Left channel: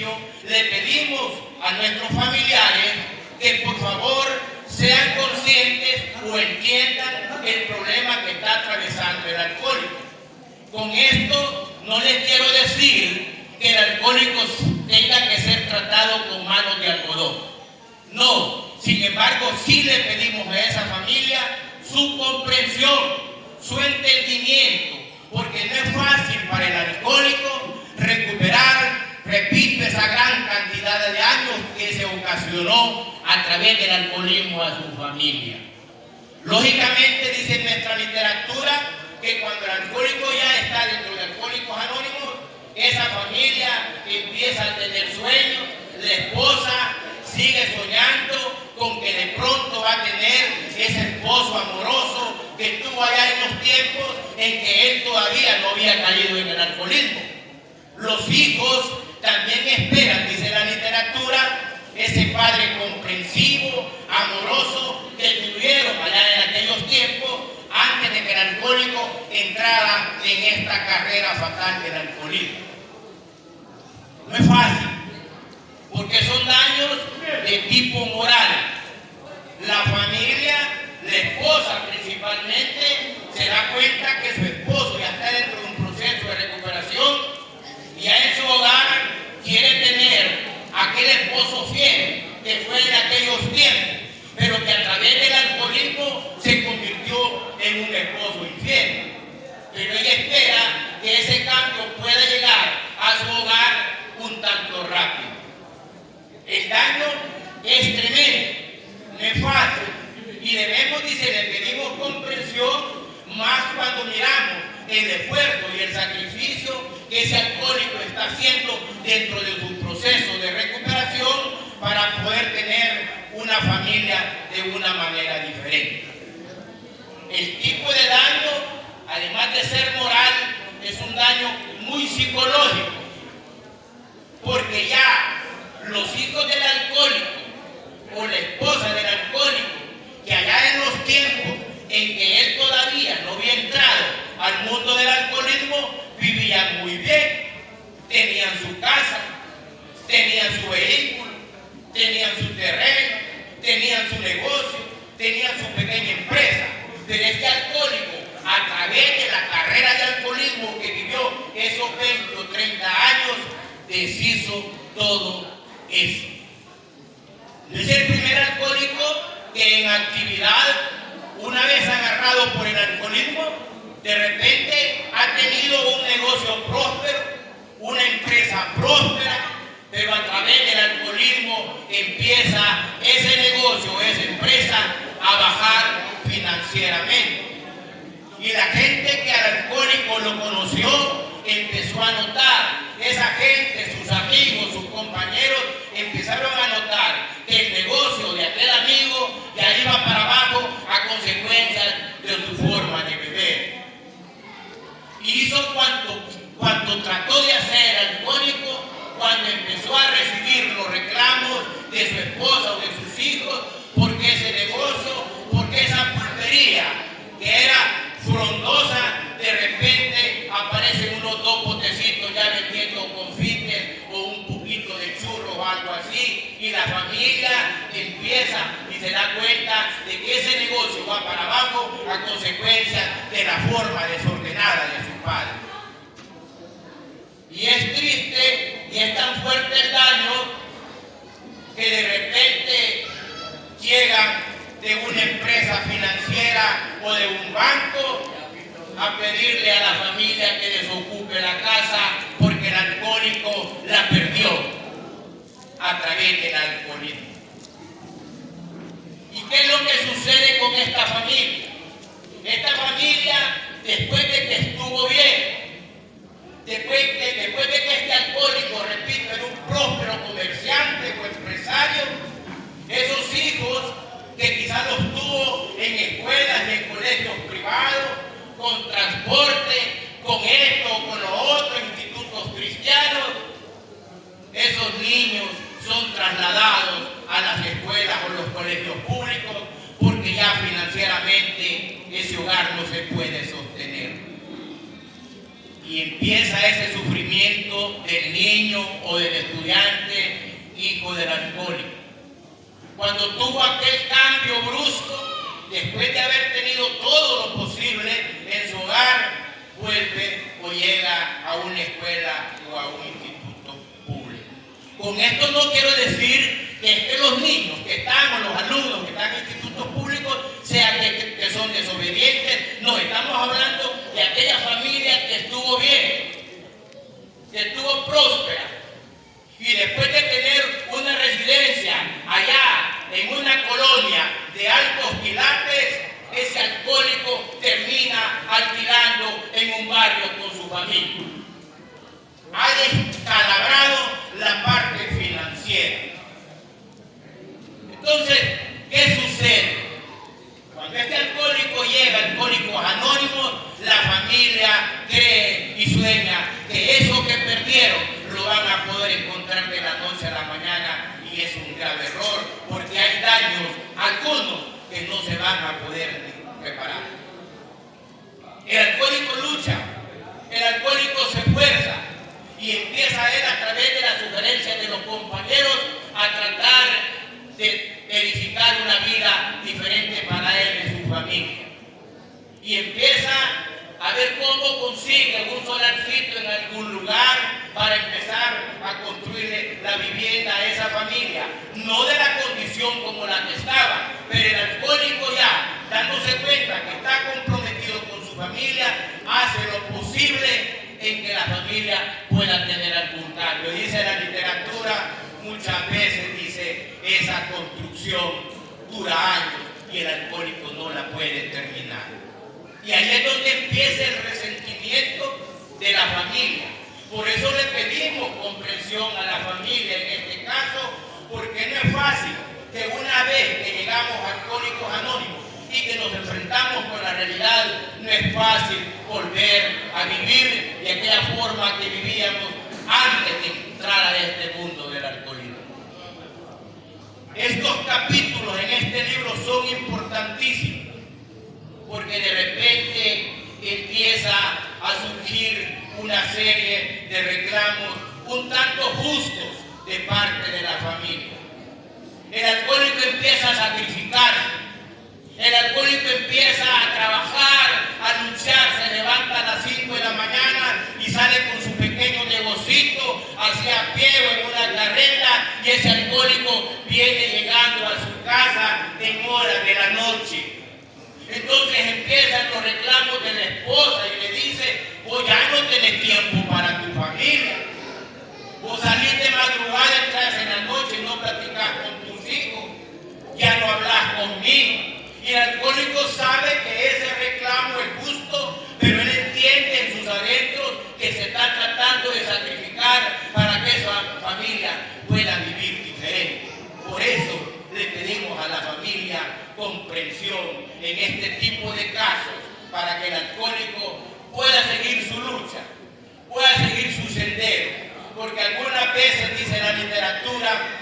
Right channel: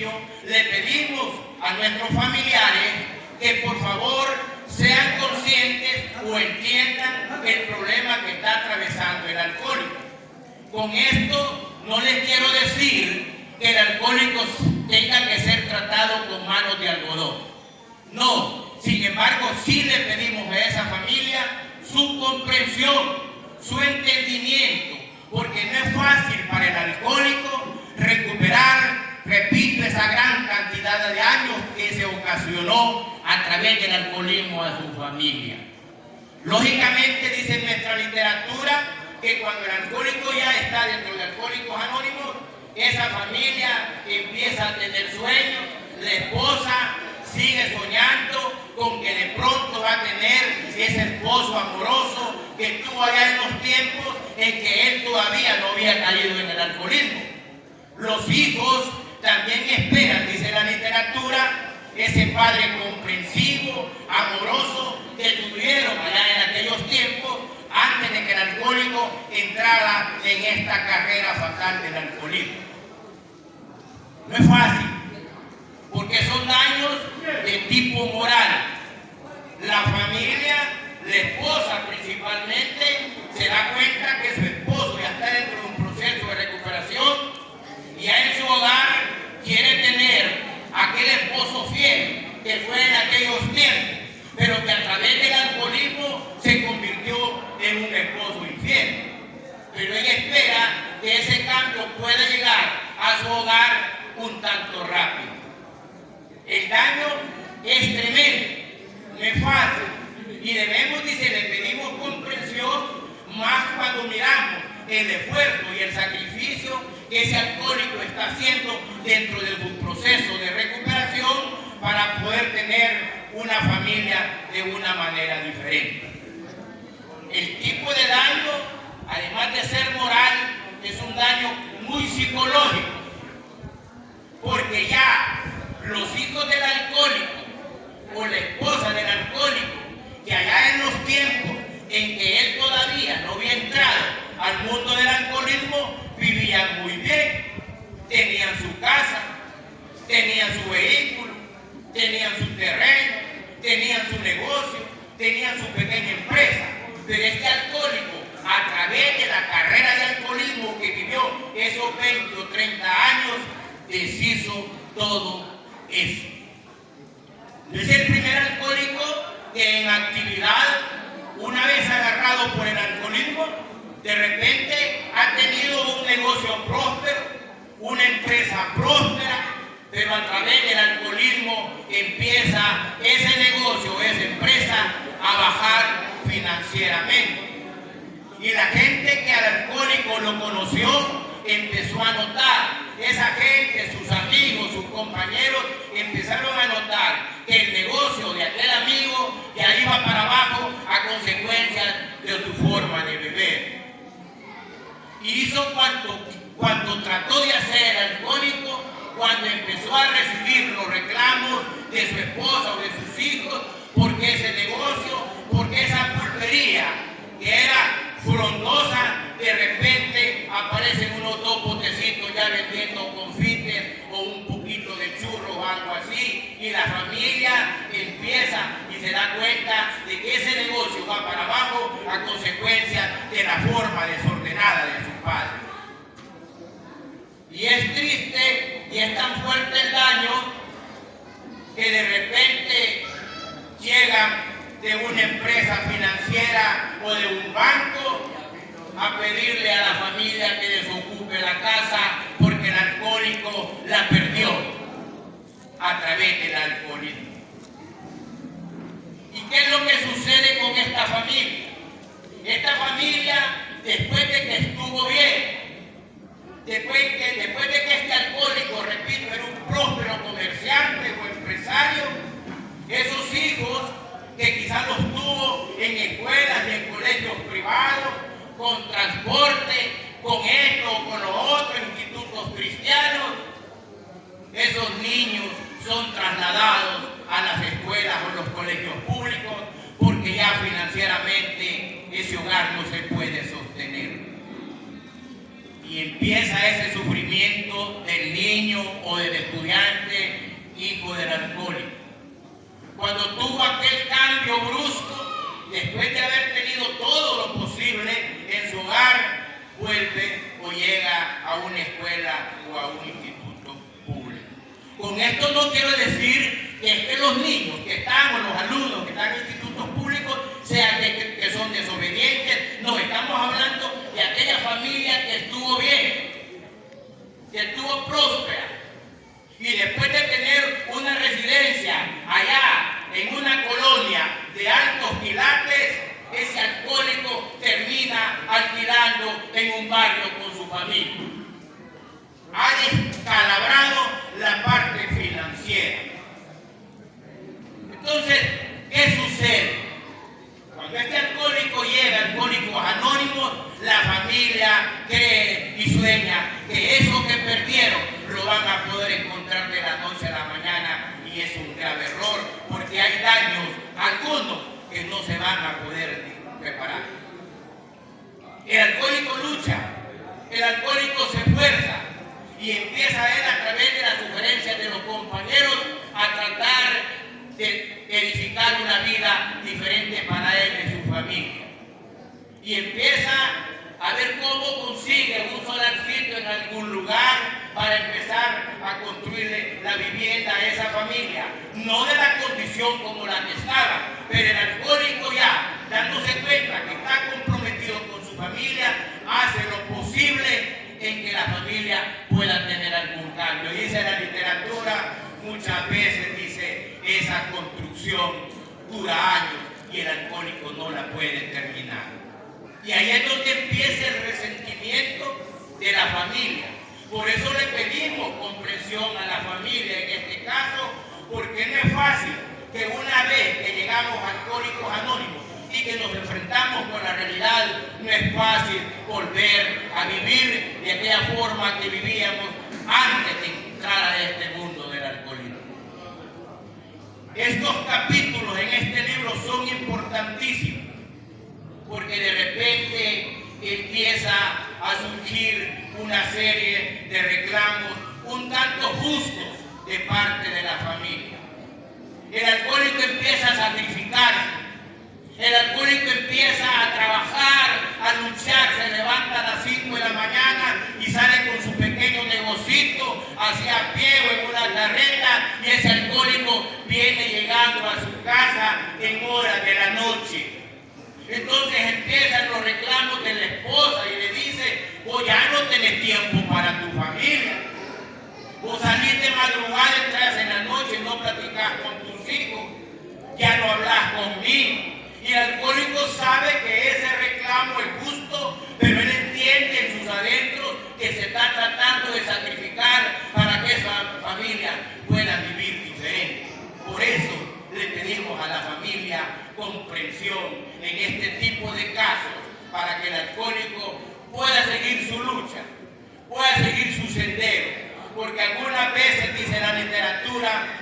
principio le pedimos a nuestros familiares que por favor sean conscientes o entiendan el problema que está atravesando el alcohólico. Con esto no les quiero decir que el alcohólico tenga que ser tratado con manos de algodón. No, sin embargo, sí le pedimos a esa familia su comprensión, su entendimiento, porque no es fácil para el alcohólico recuperar, repito, esa gran cantidad de años que se ocasionó a través del alcoholismo a su familia. Lógicamente, dice nuestra literatura, que cuando el alcohólico ya está dentro de Alcohólicos Anónimos, esa familia empieza a tener sueños, la esposa sigue soñando con que de pronto va a tener ese esposo amoroso que tuvo allá en los tiempos en que él todavía no había caído en el alcoholismo. Los hijos también esperan, dice la literatura, ese padre comprensivo, amoroso que tuvieron allá en aquellos tiempos antes de que el alcohólico entrara en esta carrera fatal del alcoholismo. No es fácil, porque son daños de tipo moral. La familia, la esposa principalmente, se da cuenta que su esposo ya está dentro de un proceso de recuperación y ya en su hogar quiere tener aquel esposo fiel que fue en aquellos tiempos, pero que a través del alcoholismo se convirtió en un esposo infiel. Pero ella espera que ese cambio pueda llegar a su hogar un tanto rápido. El daño es tremendo, no es fácil, y debemos, dice, le pedimos comprensión, más cuando miramos el esfuerzo y el sacrificio que ese alcohólico está haciendo dentro de su proceso de recuperación para poder tener una familia de una manera diferente. El tipo de daño, además de ser moral, es un daño muy psicológico, porque ya los hijos del alcohólico o la esposa del alcohólico, que allá en los tiempos en que él todavía no había entrado al mundo del alcoholismo, vivían muy bien, tenían su casa, tenían su vehículo, tenían su terreno, tenían su negocio, tenían su pequeña empresa. Pero este alcohólico, a través de la carrera de alcoholismo que vivió esos 20 o 30 años, deshizo todo eso. No es el primer alcohólico que en actividad, una vez agarrado por el alcoholismo, de repente ha tenido un negocio próspero, una empresa próspera, pero a través del alcoholismo empieza ese negocio, esa empresa a bajar financieramente. Y la gente que al alcohólico lo conoció empezó a notar, esa gente, sus amigos, sus compañeros, empezaron a notar que el negocio de aquel amigo ya iba para abajo a consecuencia de su forma de beber. Y hizo cuanto trató de hacer el alcohólico cuando empezó a recibir los reclamos de su esposa o de sus hijos, porque ese negocio, porque esa pulpería que era frondosa, de repente aparecen unos 2 botecitos ya vendiendo confites o un poquito de churros o algo así, y la familia empieza y se da cuenta de que ese negocio va para abajo a consecuencia de la forma desordenada de su padre. Y es triste y es tan fuerte el daño que de repente llegan de una empresa financiera o de un banco a pedirle a la familia que desocupe la casa porque el alcohólico la perdió a través del alcoholismo. ¿Y qué es lo que sucede con esta familia? Esta familia, después de que estuvo bien, después de que este alcohólico, repito, era un próspero comerciante o empresario, esos hijos que quizás los tuvo en escuelas y en colegios privados, con transporte, con esto o con los otros institutos cristianos, esos niños son trasladados a las escuelas o los colegios públicos porque ya financieramente ese hogar no se puede sostener. y empieza ese sufrimiento del niño o del estudiante, hijo del alcohólico. Cuando tuvo aquel cambio brusco, después de haber tenido todo lo posible en su hogar, vuelve o llega a una escuela o a un instituto público. Con esto no quiero decir que los niños que están o los alumnos que están en institutos públicos sean que son desobedientes. No, estamos hablando de aquella familia que estuvo bien, que estuvo próspera, y después de tener una residencia allá en una colonia de altos quilates, ese alcohólico termina alquilando en un barrio con su familia. Ha descalabrado la parte financiera. Entonces, ¿qué sucede? Cuando este alcohólico llega, Alcohólicos Anónimos, la familia cree y sueña que eso que perdieron lo van a poder encontrar de la noche a la mañana, y es un grave error, porque hay daños, algunos, que no se van a poder reparar. El alcohólico lucha, el alcohólico se esfuerza y empieza él, a través de las sugerencias de los compañeros, a tratar de edificar una vida diferente para él y su familia. Y empieza a ver cómo consigue un solarcito en algún lugar para empezar a construirle la vivienda a esa familia. No de la condición como la que estaba, pero el alcohólico ya, dándose cuenta que está comprometido con su familia, hace lo posible en que la familia pueda tener algún cambio. Dice la literatura, muchas veces dice, esa construcción dura años y el alcohólico no la puede terminar. Y ahí es donde empieza el resentimiento de la familia. Por eso le pedimos comprensión a la familia en este caso, porque no es fácil que una vez que llegamos a Alcohólicos Anónimos y que nos enfrentamos con la realidad, no es fácil volver a vivir de aquella forma que vivíamos antes de entrar a este mundo del alcoholismo. Estos capítulos en este libro son importantísimos, porque de repente empieza a surgir una serie de reclamos un tanto justos de parte de la familia. El alcohólico empieza a sacrificarse, el alcohólico empieza a trabajar, a luchar, se levanta a las 5 de la mañana y sale con su pequeño negocito hacia pie o en una carreta, y ese alcohólico viene llegando a su casa en horas de la noche. Entonces empiezan los reclamos de la esposa y le dice, vos ya no tenés tiempo para tu familia. Vos salís de madrugada, entras en la noche y no platicás con tus hijos. Ya no hablas conmigo. Y el alcohólico sabe que ese reclamo es justo, pero él entiende en sus adentros que se está tratando de sacrificar para que esa familia pueda vivir diferente. Por eso le pedimos a la familia comprensión en este tipo de casos, para que el alcohólico pueda seguir su lucha, pueda seguir su sendero, porque algunas veces, dice la literatura,